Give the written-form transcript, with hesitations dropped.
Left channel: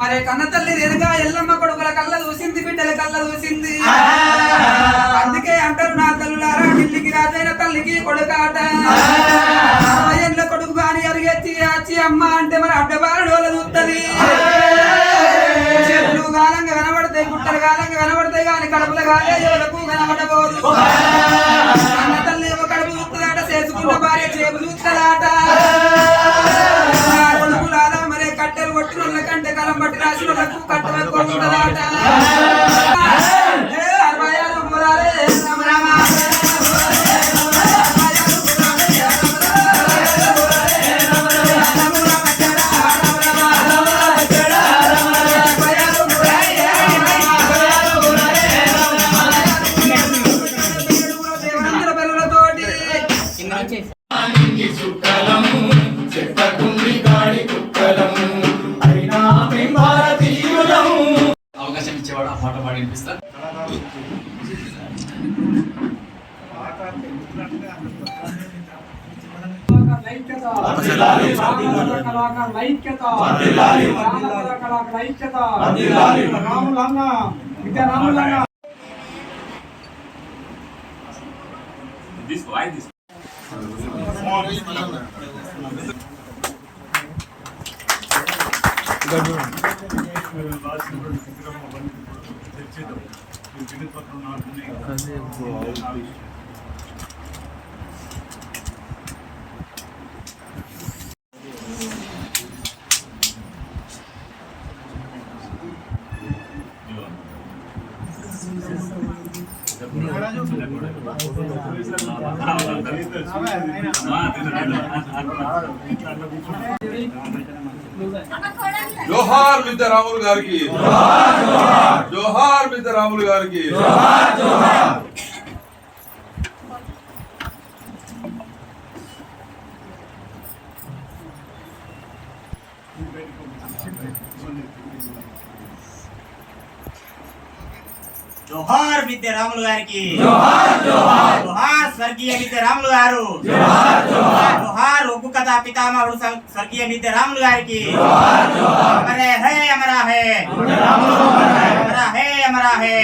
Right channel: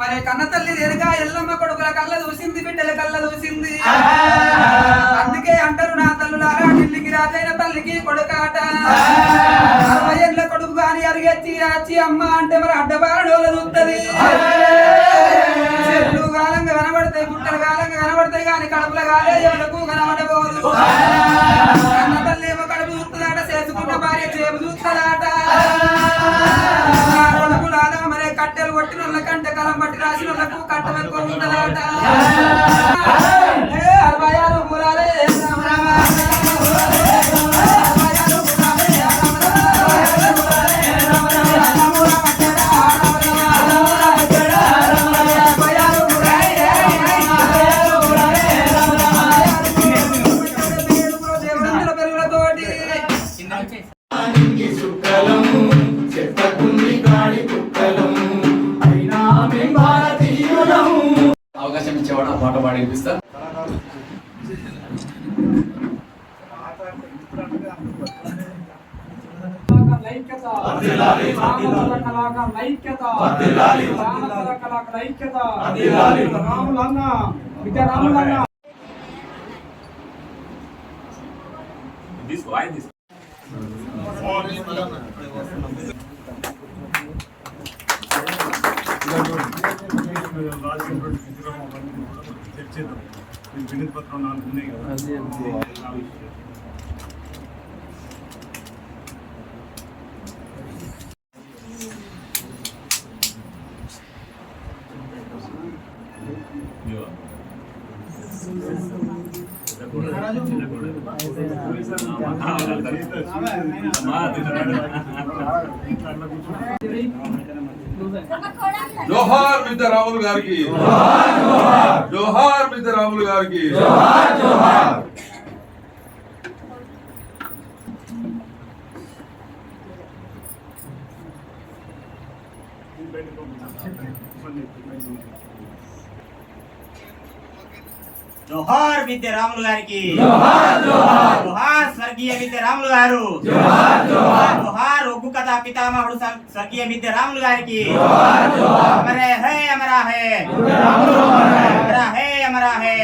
మరి కన్న తల్లి ఎదుగా ఎల్లమ్మ కొడుకుల కళ్ళ చూసింది, బిడ్డల కళ్ళ చూసింది. అందుకే అంటారు నా తల్లులారా, ఢిల్లీకి రాజైన తల్లికి కొడుకాట. 60 ఏళ్ళ కొడుకు బాని అరిగెచ్చి ఆచి అమ్మ అంటే మరి అడ్డబారుడు వాళ్ళ చూస్తుంది. చెట్లు కాలంగా కనబడతాయి, గుట్టలు కాలంగా కనబడతాయి, కానీ కడుపుల కాలే ఎవరకు కనబడబోదు. కన్న తల్లి ఏమో కడుపు చూస్తుందాట, చేసుకున్న భార్య చేపు చూస్తుందాట. కొడుకులారా మరి కట్టెలు కొట్టిన వాళ్ళ కంటే కలం బట్టి రాసిన వాళ్ళకు కట్ట ఎక్కువ ఉంటుందాట. 66 మూలాలే అవకాశం ఇచ్చేవాడు ఆ పాట పాడి వినిపిస్తారు. జోహార్ విద్యారాములు గారికి, జోహార్ విద్యారాములు గారికి. జోహార్ విద్యారాములు గారికి, జోహార్ స్వర్గీయ విద్యారాములు గారు, జోహార్ ఒగ్గు కథా పితామహుడు స్వర్గీయ విద్యారాములు గారికి. అమరా హే అమరా హే, అమరా హే అమరా హే.